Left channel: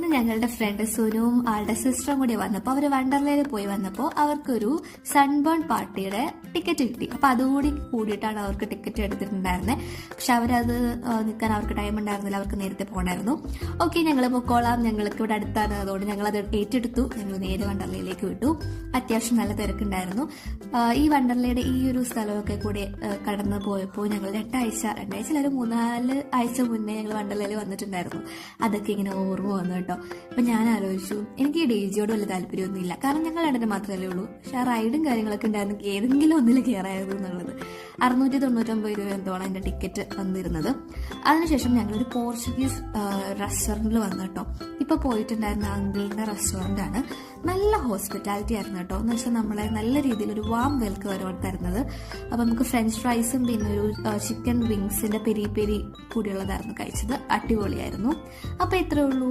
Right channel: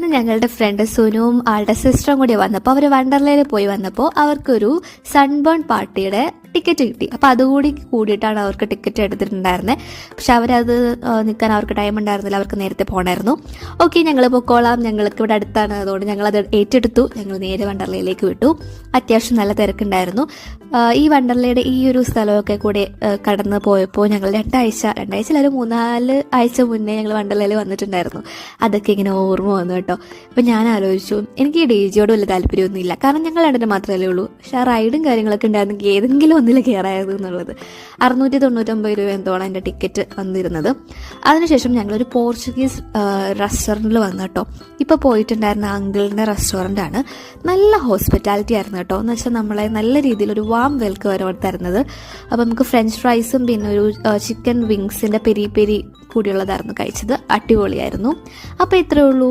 ഇന്ന് ഞങ്ങളുടെ ഫ്രണ്ട് സുനുവും ആളുടെ സിസ്റ്ററും കൂടി വന്നപ്പോൾ അവർ വണ്ടർലയിൽ പോയി വന്നപ്പോൾ അവർക്കൊരു സൺബേൺ പാർട്ടിയുടെ ടിക്കറ്റ് കിട്ടി. അപ്പോൾ അതുകൂടി കൂടിയിട്ടാണ് അവർക്ക് ടിക്കറ്റ് എടുത്തിട്ടുണ്ടായിരുന്നത്. പക്ഷെ അവരത് നിൽക്കാൻ അവർക്ക് ടൈം ഉണ്ടായിരുന്നില്ല, അവർക്ക് നേരത്തെ പോകണമായിരുന്നു. ഓക്കെ, ഞങ്ങൾ പൊക്കോളാം, ഞങ്ങൾക്ക് ഇവിടെ അടുത്താണ്, അതുകൊണ്ട് ഞങ്ങളത് ഏറ്റെടുത്തു. ഞങ്ങൾ നേരെ വണ്ടർലയിലേക്ക് വിട്ടു. അത്യാവശ്യം നല്ല തിരക്കുണ്ടായിരുന്നു. ഈ വണ്ടർലയുടെ ഈ ഒരു സ്ഥലമൊക്കെ കൂടി കടന്ന് പോയപ്പോൾ ഞങ്ങൾ രണ്ടാഴ്ച ഒരു 3-4 ആഴ്ച മുന്നേ ഞങ്ങൾ വണ്ടർലയിൽ വന്നിട്ടുണ്ടായിരുന്നു. അതൊക്കെ ഇങ്ങനെ ഓർമ്മ വന്നു കേട്ടോ. അപ്പം ഞാൻ ആലോചിച്ചു, എനിക്ക് ഈ DJയോട് വലിയ താല്പര്യമൊന്നുമില്ല, കാരണം ഞങ്ങൾ രണ്ടിന് മാത്രമല്ലേ ഉള്ളൂ. പക്ഷെ ആ റൈഡും കാര്യങ്ങളൊക്കെ ഉണ്ടായിരുന്നെങ്കിൽ ഏതെങ്കിലും ഒന്നിൽ കയറായത് എന്നുള്ളത്. 699 രൂപ എന്തോണം എൻ്റെ ടിക്കറ്റ് വന്നിരുന്നത്. അതിനുശേഷം ഞങ്ങളൊരു പോർച്ചുഗീസ് റെസ്റ്റോറൻറ്റിൽ വന്നു കേട്ടോ. ഇപ്പോൾ പോയിട്ടുണ്ടായിരുന്ന അങ്കിളിൻ്റെ റെസ്റ്റോറൻ്റാണ്. നല്ല ഹോസ്പിറ്റാലിറ്റി ആയിരുന്നു കേട്ടോ. എന്ന് വെച്ചാൽ നമ്മളെ നല്ല രീതിയിൽ ഒരു വാം വെൽക്കം അവർ തരുന്നത്. അപ്പോൾ നമുക്ക് ഫ്രഞ്ച് ഫ്രൈസും പിന്നെ ഒരു ചിക്കൻ വിങ്സിൻ്റെ പെരി പെരി കൂടിയുള്ളതായിരുന്നു കഴിച്ചത്. അടിപൊളിയായിരുന്നു. അപ്പോൾ ഇത്രയേ ഉള്ളൂ.